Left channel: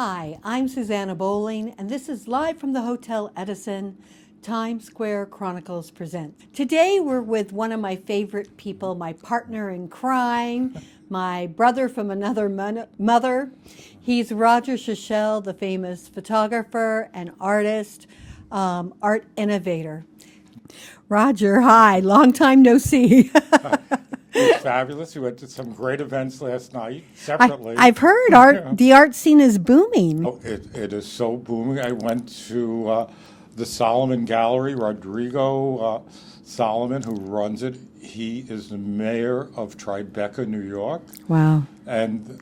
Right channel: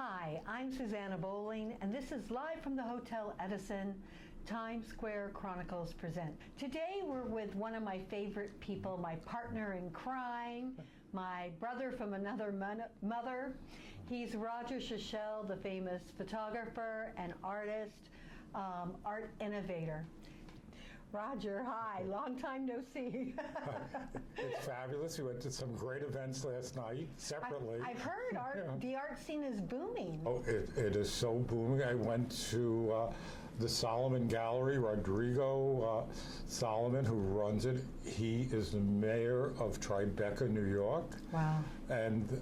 Hi, I'm Susanna Bowling, and this is live from the Hotel Edison. Times Square Chronicles present. Today we're with one of my favorite people, my partner in crime, my brother from another mother. He's Roger Shishel, the famous photographer and artist, art innovator. Roger, hi, long time no see. It's fabulous. We went to some great events last night I, separately. I've heard the art scene is booming. Oh, it is so booming. I went to the Solomon Gallery. Rodrigo Solomon, who runs it, he is the mayor of Tribeca, New York. Wow. And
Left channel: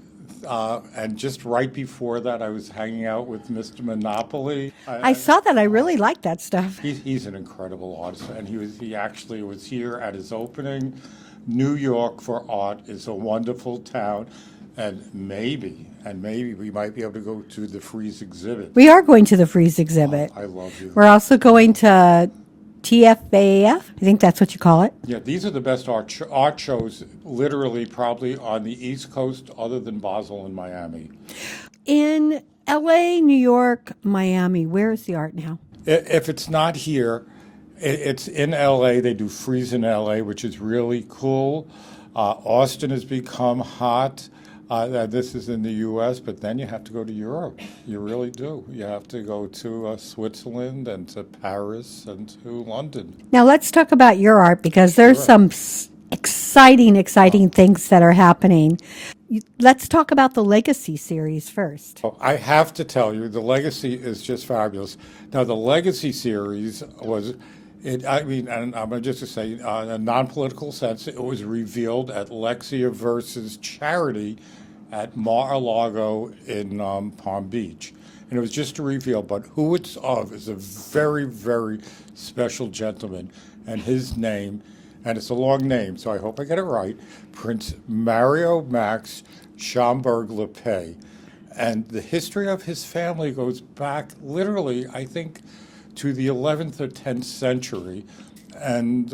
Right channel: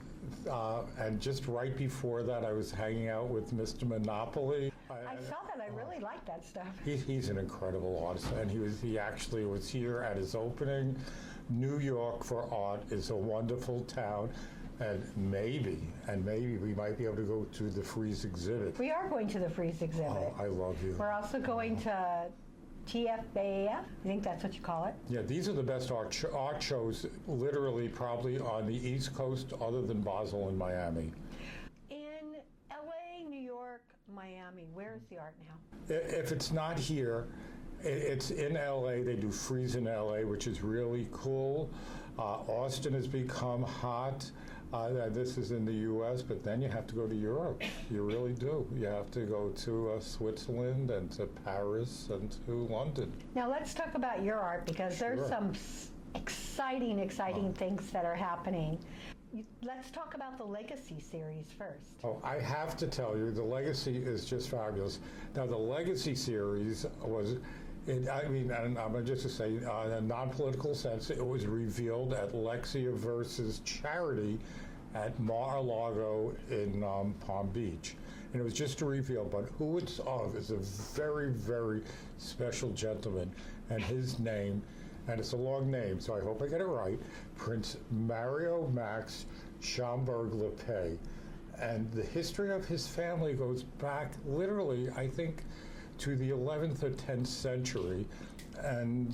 just right before that, I was hanging out with Mr. Monopoly. I saw that. I really like that stuff. He's an incredible artist, and he actually was here at his opening. New York for art is a wonderful town, and maybe we might be able to go to the Frieze exhibit. We are going to the Frieze exhibit. Oh, I love you. We're also going to TFAF. I think that's what you call it. Yeah, these are the best art shows, literally, probably on the East Coast, other than Basel and Miami. In LA, New York, Miami, where is the art now? If it's not here, it's in LA. They do Frieze in LA, which is really cool. Austin has become hot. This is in the US, but then you have to go to Europe. You really do. You have to go to Switzerland and to Paris and to London. Now let's talk about your art, because there's some exciting things that are happening. Let's talk about the Legacy series first. I have to tell you, the Legacy is just fabulous. Now, the Legacy series was, and I'm just to say, in a non-political sense, it was revealed at Lexia versus Charity at Mar-a-Lago in Palm Beach. And it was just a reveal, but who it's of is a very, very special gentleman, and his name, and it's a long name, so I hope I get it right, Prince Mario Max Schomburg-Lepay. And the history of his family goes back literally, I think, to the 11th or 10th century. And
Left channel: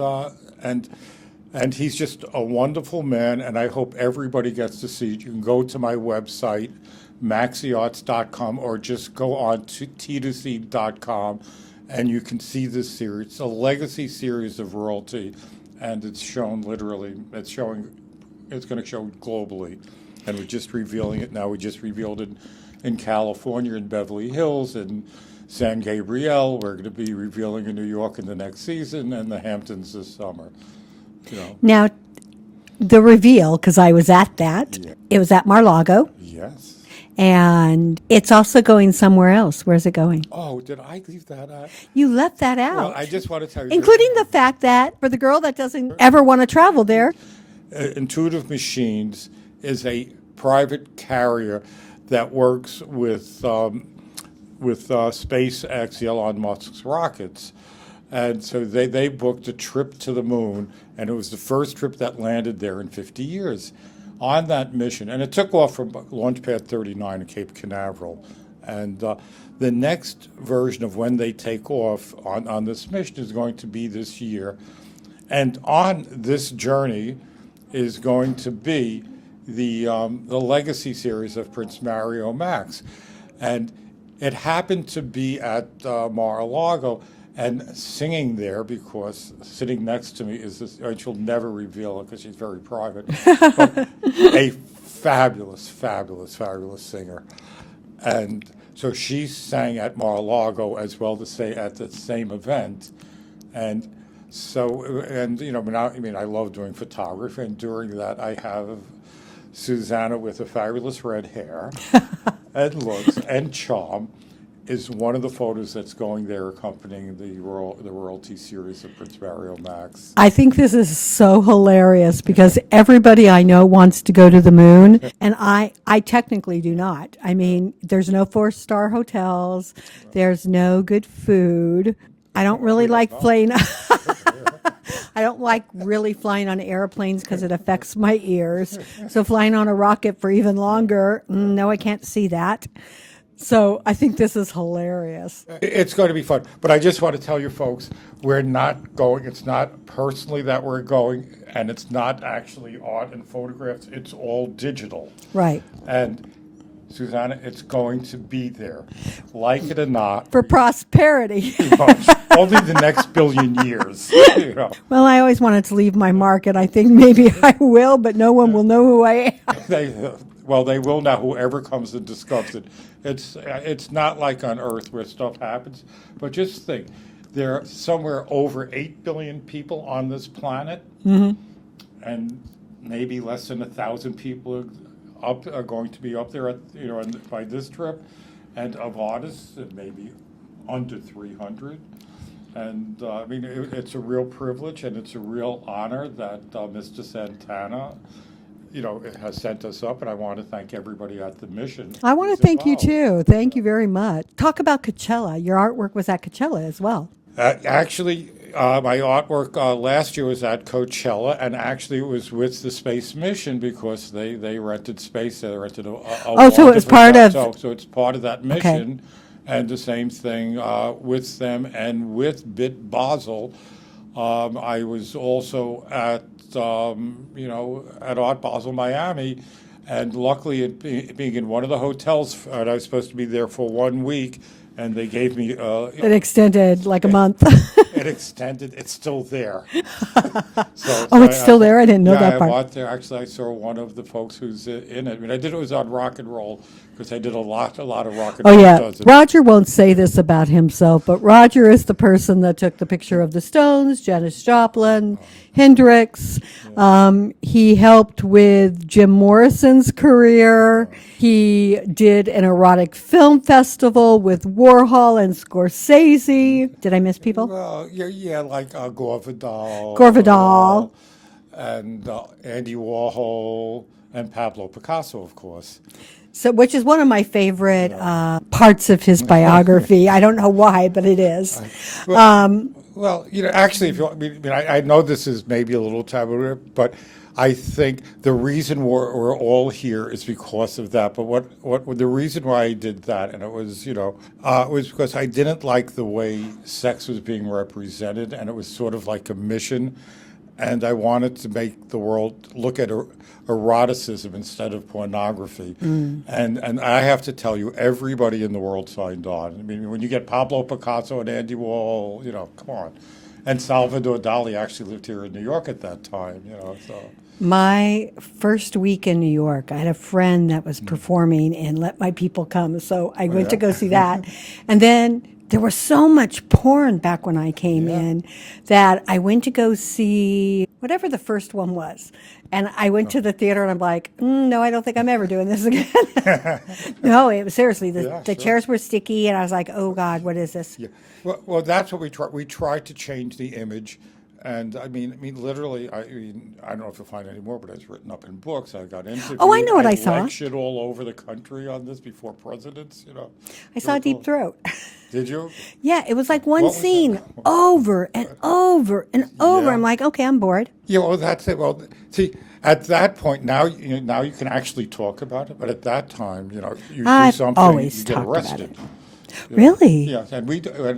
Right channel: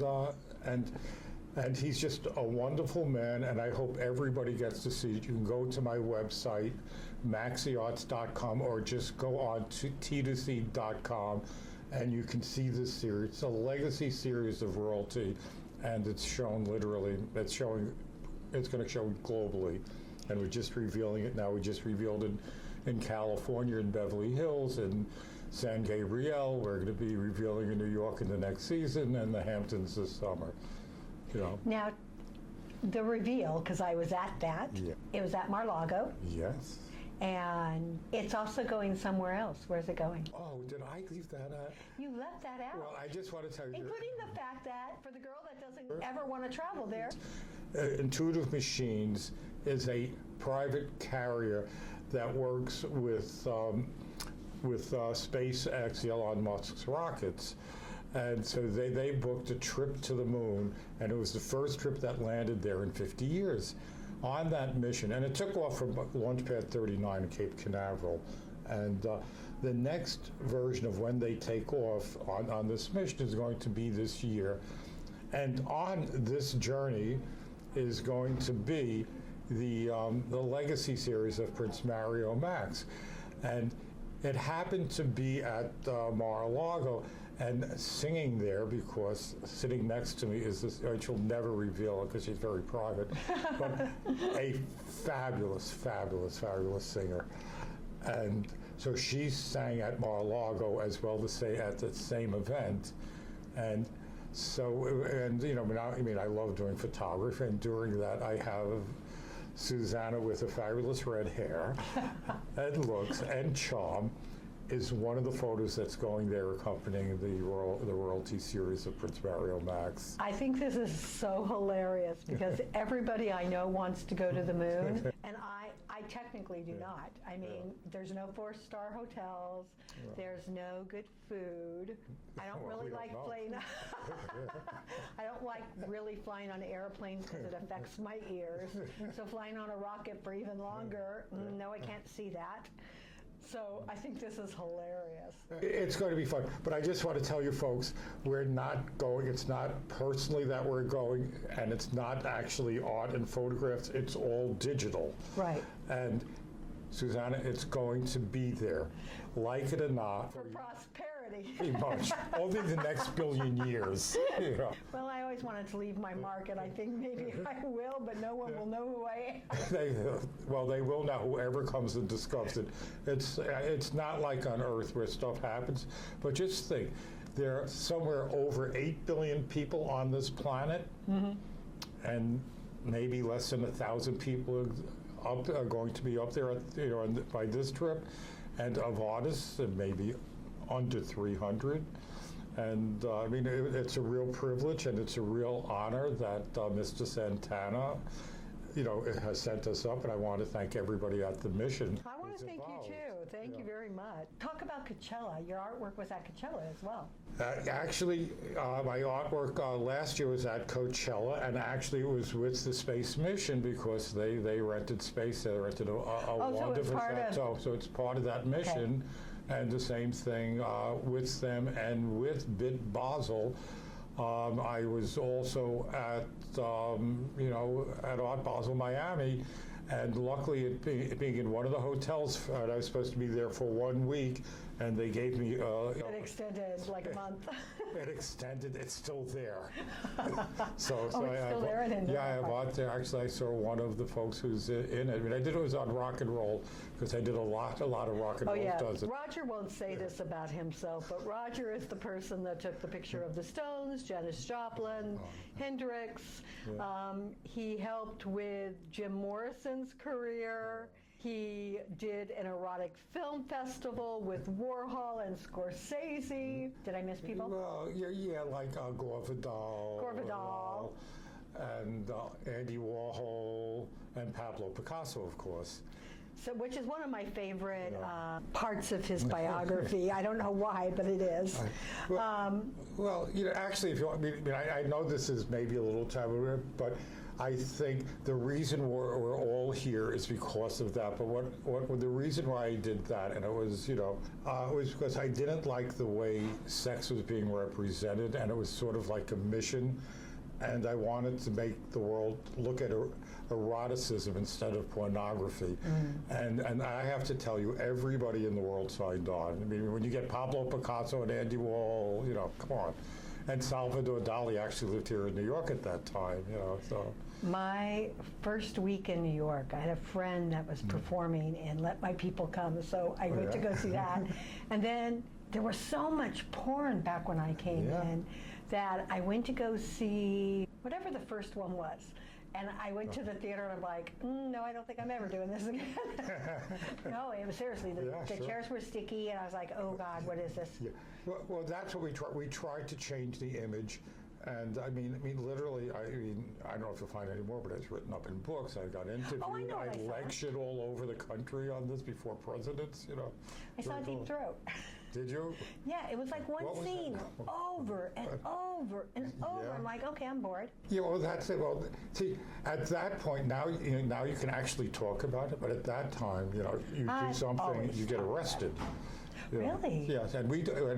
he's just a wonderful man, and I hope everybody gets to see it. You can go to my website, maxiarts.com, or just go on to t2c.com, and you can see this series. It's a legacy series of royalty, and it's shown literally, it's going to show globally. And we're just revealing it now. We just revealed it in California, in Beverly Hills, in San Gabriel. We're going to be revealing in New York in the next season, and the Hamptons this summer. You know. Now, the reveal, because I was at that, It was at Mar-a-Lago. Yes. And it's also going somewhere else. Where's it going? Oh, did I leave that out? You left that out. Well, I just want to tell you. Including the fact that for the girl that doesn't ever want to travel there. Intuitive Machines is a private carrier that works with SpaceX, Elon Musk's rockets. And so they booked a trip to the moon, and it was the first trip that landed there in 50 years. On that mission, and it took off from Launch Pad 39 in Cape Canaveral. And the next version of when they take off on this mission is going to be this year. And on this journey is going to be the Legacy series of Prince Mario Max. And it happened to be at Mar-a-Lago, and singing there, because sitting next to me is this, and she'll never reveal it because she's very private, but a fabulous singer. And so she sang at Mar-a-Lago as well to say at the same event. And so, and you know, I love doing photography, and during that I have Susanna with a fabulous red hair and looks and charm is one of the photos that's going there accompanying the royalty series of Prince Mario Max. I think this is so hilarious because everybody I know wants to go to the moon, and I technically do not. I mean, there's no 4-star hotels, there's no good food. I don't really like flying. I don't like really flying on airplanes because it affects my ears. So flying on a rocket for even longer, no, I can't see that. So I think this is hilarious. It's going to be fun. But I just want to tell you folks, we're not going, it's not personally that we're going, and it's not actually art and photographs, it's all digital. Right. And Susanna, it's going to be there. Like it or not. For prosperity. Only the next billion years. You know. Well, I always wanted to leave my mark, and I think maybe I will, but no one will know who I am. They will now, whoever comes and discovers it. It's not like on Earth where stuff happens, but just think, there are somewhere over 8 billion people on this planet, and maybe less than 1,000 people are going to be up there by this trip, and of artists, maybe under 300. And I mean, it's a real privilege and it's a real honor that Mr. Santana, has sent us up, and I want to thank everybody at the mission. I want to thank you too. Thank you very much. Talk about Coachella. Your artwork was at Coachella as well. Actually, my artwork last year was at Coachella, and actually it was with the Space Mission because they rented space. They rented so it was part of. So it's part of that mission, and the same thing with them and with Bit Basel. I was also at at Art Basel Miami, and luckily it being in one of the hotels, and I was supposed to be there for 1 week. And they gave me. It extended like a month. It extended. It's still there. It's still there? I didn't know that part. I there. Actually, I saw one of the folks who's in it. I mean, I did it was on Rock and Roll because I did a lot of Rock and Roll. Oh, yeah. Roger won't say this about himself, but Roger is the person that took the picture of the Stones, Janis Joplin, Hendrix. He helped with Jim Morrison's career. He did an erotic film festival with Warhol and Scorsese. Did I miss people? Well, yeah, like Gore Vidal. Gore Vidal. And Andy Warhol and Pablo Picasso, of course. So, which is one of my favorite parts of his biography. I don't know why, but it is. Well, actually, if I know this is maybe a little taboo, but I think the reason we're all here is because of that. But what the reason why I did that, and it was was because I didn't like the way sex was being represented, and it was sort of like a mission, and I wanted to make the world look at eroticism instead of pornography. And I have to tell you, everybody in the world signed on. I mean, when you get Pablo Picasso and Andy Warhol, come on. And Salvador Dali actually lived here in New York at that time, so. My first week in New York, I had a friend that was performing in Let My People Come, so I went to go see that. And then there was so much porn back when I came in that I went to go see whatever the first one was. And I went to the theater and I'm like, no, I don't think I'm ever doing this again. No, it was seriously, the chairs were sticky and I was like, oh God, what is this? Yeah. Well, that's what we tried. We tried to change the image. And I mean, literally, I don't know if you'll find it anymore, but it's written up in books. I got interviewed. Oh, I know what I saw. Lectured all over the country on this before presidents, I saw Deep Throat. Did you? Yeah, it was like one scene over and over and over. I'm like, okay, I'm bored. Yeah, well, that's it. Well, see, at that point, now you can actually talk about it, but at that time, you do something, you get arrested. Really? Yes, and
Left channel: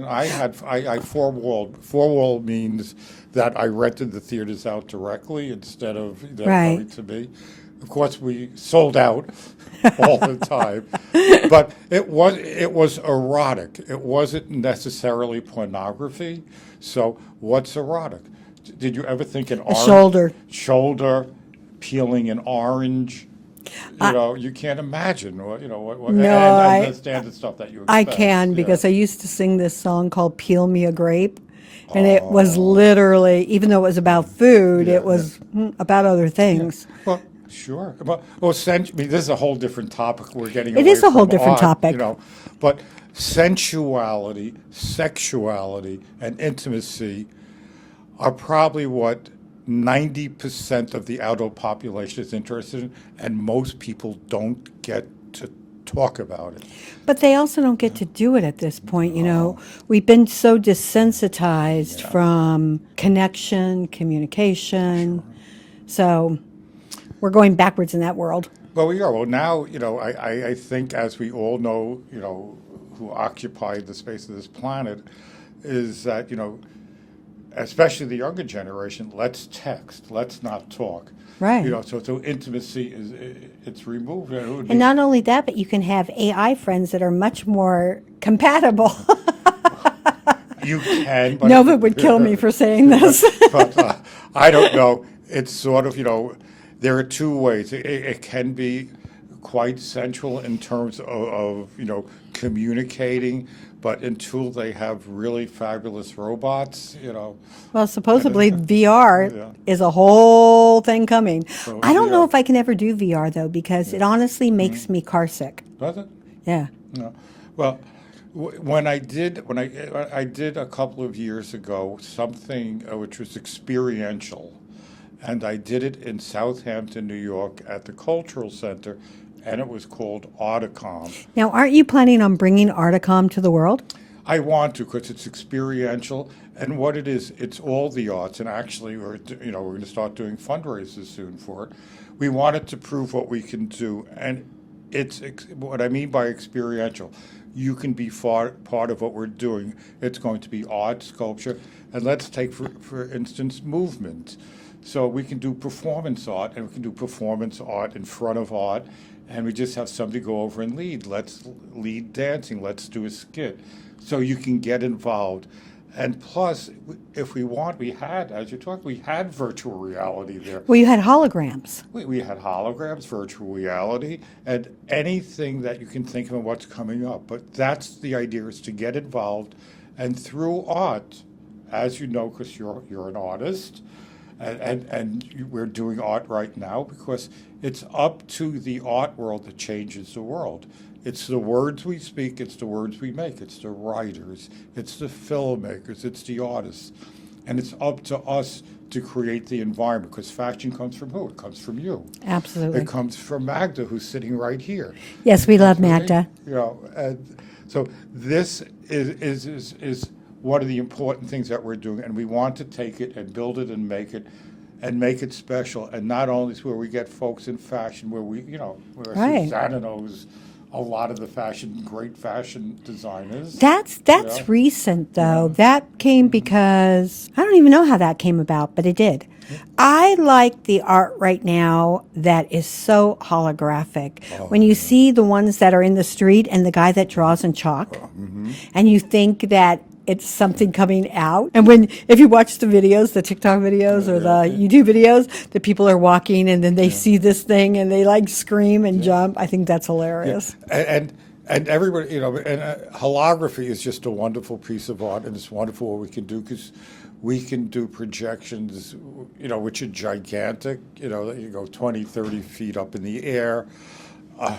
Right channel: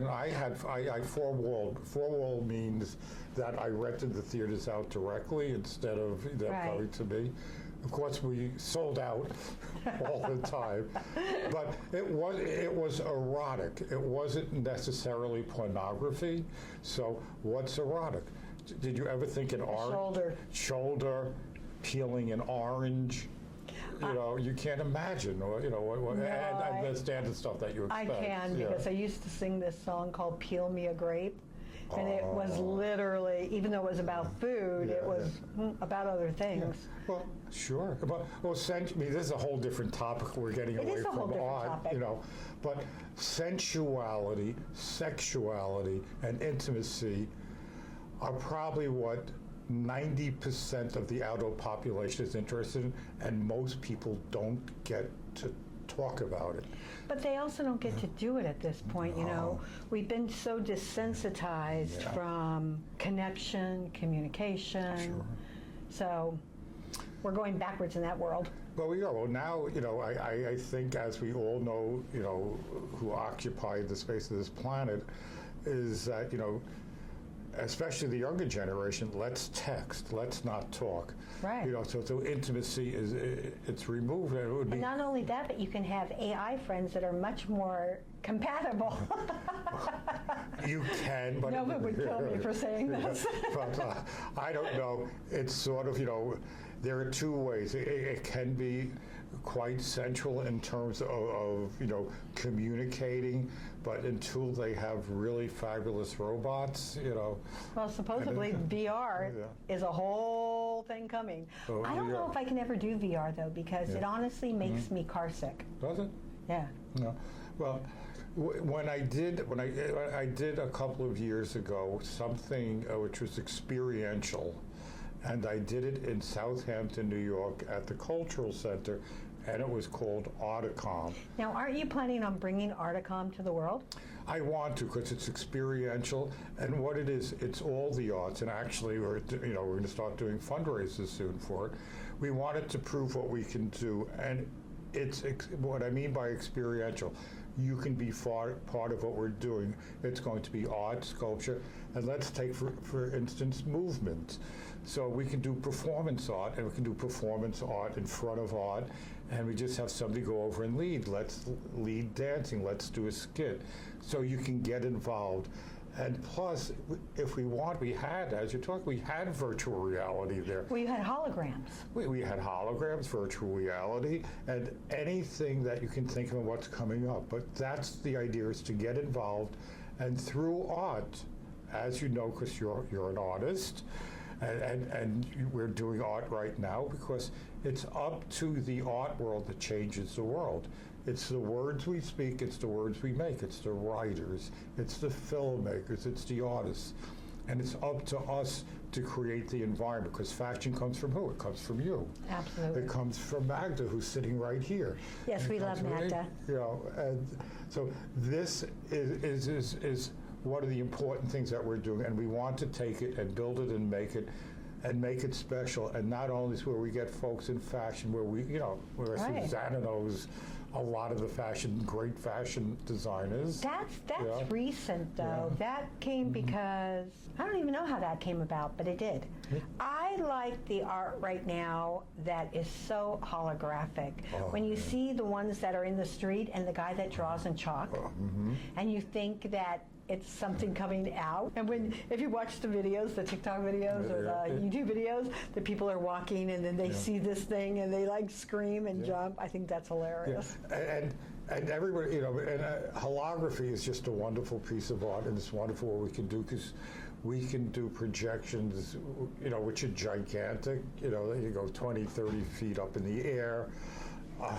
I four-wall means that I rented the theaters out directly instead of them coming to me. Of course, we sold out all the time, but it was erotic. It wasn't necessarily pornography. So what's erotic? Did you ever think an orange shoulder peeling an orange? You can't imagine what and the standard stuff that you expect. I can because I used to sing this song called "Peel Me a Grape," and it was literally, even though it was about food, it was about other things. Yeah. Well, sure. This is a whole different topic. We're getting. It is a whole different topic. But sensuality, sexuality, and intimacy are probably what 90% of the adult population is interested in, and most people don't get to talk about it. But they also don't get to do it at this point, We've been so desensitized from connection, communication. Sure. So we're going backwards in that world. Well, we are. Well, now, I think as we all know, who occupy the space of this planet, is that, especially the younger generation, let's text, let's not talk. Right. You know, so intimacy it's removed. And, it would And be, not only that, but you can have AI friends that are much more compatible. you can, but Nova would kill me for saying this. but I don't know. It's sort of, you know, there are two ways. It can be quite central in terms of, you know, communicating, but until they have really fabulous robots, you know. Well, supposedly VR Yeah. is a whole thing coming. So, I don't know yeah. if I can ever do VR though, because it honestly makes me car sick. Does it? Yeah. No. Well, when I did a couple of years ago something which was experiential, and I did it in Southampton, New York, at the Cultural Center, and it was called Articom. Now, aren't you planning on bringing Articom to the world? I want to because it's experiential, and what it is, it's all the arts. And actually, we're going to start doing fundraisers soon for it. We wanted to prove what we can do, and it's what I mean by experiential. You can be part of what we're doing. It's going to be art, sculpture, and let's take for instance movement. So we can do performance art, and we can do performance art in front of art, and we just have somebody go over and lead. Let's lead dancing. Let's do a skit. So you can get involved. And plus, if we want, we had, as you talked, we had virtual reality there. Well, you had holograms. We had holograms, virtual reality, and anything that you can think of what's coming up. But that's the idea, is to get involved. And through art, as you know, because you're an artist, and we're doing art right now because it's up to the art world that changes the world. It's the words we speak, it's the words we make, it's the writers, it's the filmmakers, it's the artists. And it's up to us to create the environment, because fashion comes from who? It comes from you. Absolutely. It comes from Magda, who's sitting right here. Yes, we love So, Magda. You know, and so this is one of the important things that we're doing, and we want to take it and build it and make it special. And not only is where we get folks in fashion, where where Right. Susanna knows a lot of the great fashion designers. That's Yeah. recent though. That came because I don't even know how that came about, but it did. I like the art right now that is so holographic. When you see the ones that are in the street and the guy that draws in chalk, and you think that it's something coming out. And if you watch the videos, the TikTok videos or the YouTube videos, the people are walking and then they see this thing and they like scream and jump. I think that's hilarious. And everybody, holography is just a wonderful piece of art, and it's wonderful what we can do, because we can do projections, which are gigantic, you go 20, 30 feet up in the air.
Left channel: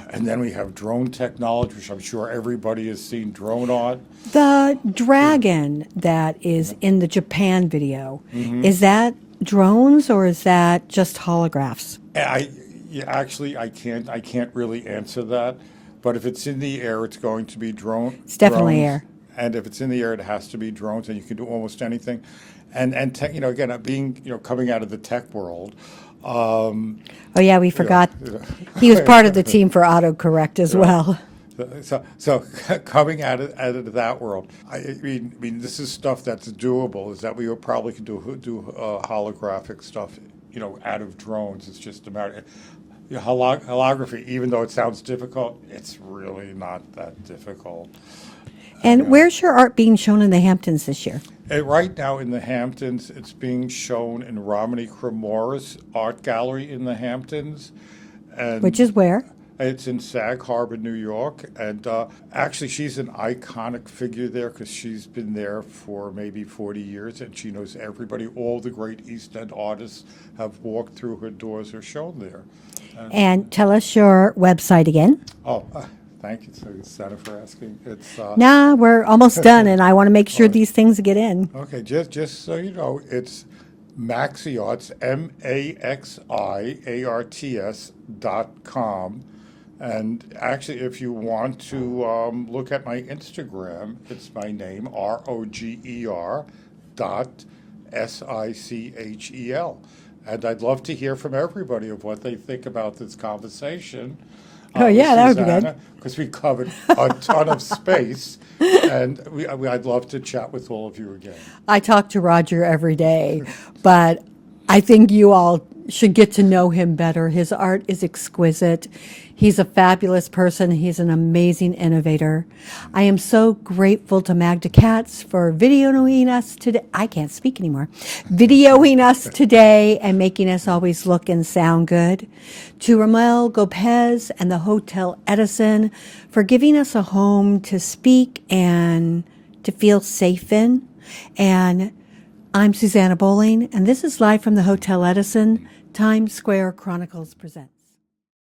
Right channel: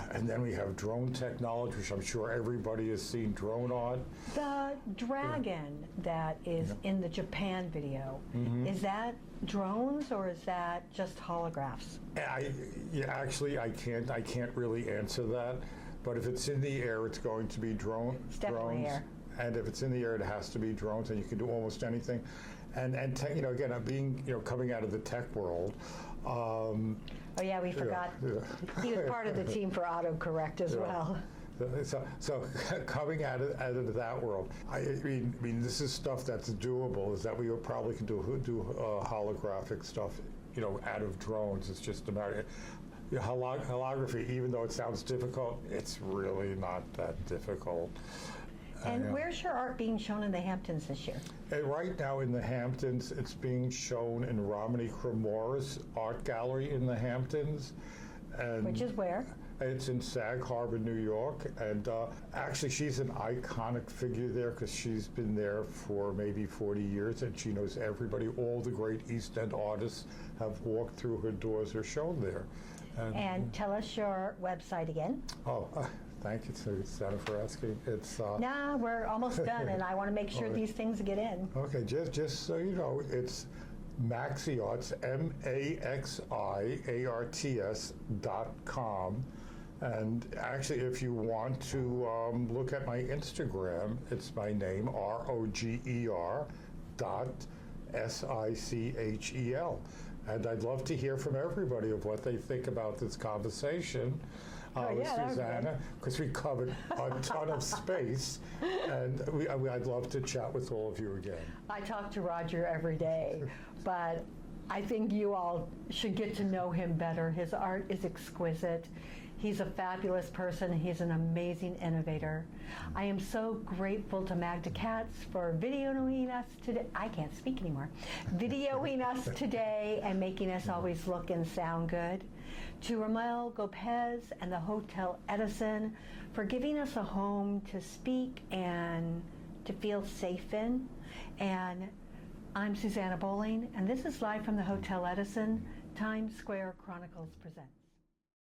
And then we have drone technology, which I'm sure everybody has seen drone art. The dragon that is in the Japan video, is that drones or is that just holographs? I can't really answer that. But if it's in the air, it's going to be drone. It's definitely drones. air. And if it's in the air, it has to be drones, and you can do almost anything. And tech, again, being coming out of the tech world. Oh yeah, we forgot. He was part of the team for autocorrect as well. So coming out of that world, I mean, this is stuff that's doable. Is that we probably can do holographic stuff, out of drones. It's just a matter. Holography, even though it sounds difficult, it's really not that difficult. And where's your art being shown in the Hamptons this year? Right now in the Hamptons, it's being shown in Romney Cremora's art gallery in the Hamptons. And Which is where? It's in Sag Harbor, New York. And actually, she's an iconic figure there because she's been there for maybe 40 years, and she knows everybody. All the great East End artists have walked through her doors or shown there. And tell us your website again. Thank you, Santa, for asking. It's Nah, we're almost done, and I want to make sure these things get in. okay. Just so you know, it's MaxiArts, MaxiArts.com, and actually, if you want to look at my Instagram, it's my name, ROGER.SICHEL, and I'd love to hear from everybody of what they think about this conversation. Oh, yeah, that would be good. Because we covered a ton of space, and I'd love to chat with all of you again. I talk to Roger every day, but I think you all should get to know him better. His art is exquisite. He's a fabulous person. He's an amazing innovator. I am so grateful to Magda Katz for videoing us today. I can't speak anymore. Videoing us today and making us always look and sound good. To Ramel Gopez and the Hotel Edison for giving us a home to speak and to feel safe in. And I'm Susanna Bowling, and this is live from the Hotel Edison, Times Square Chronicles present.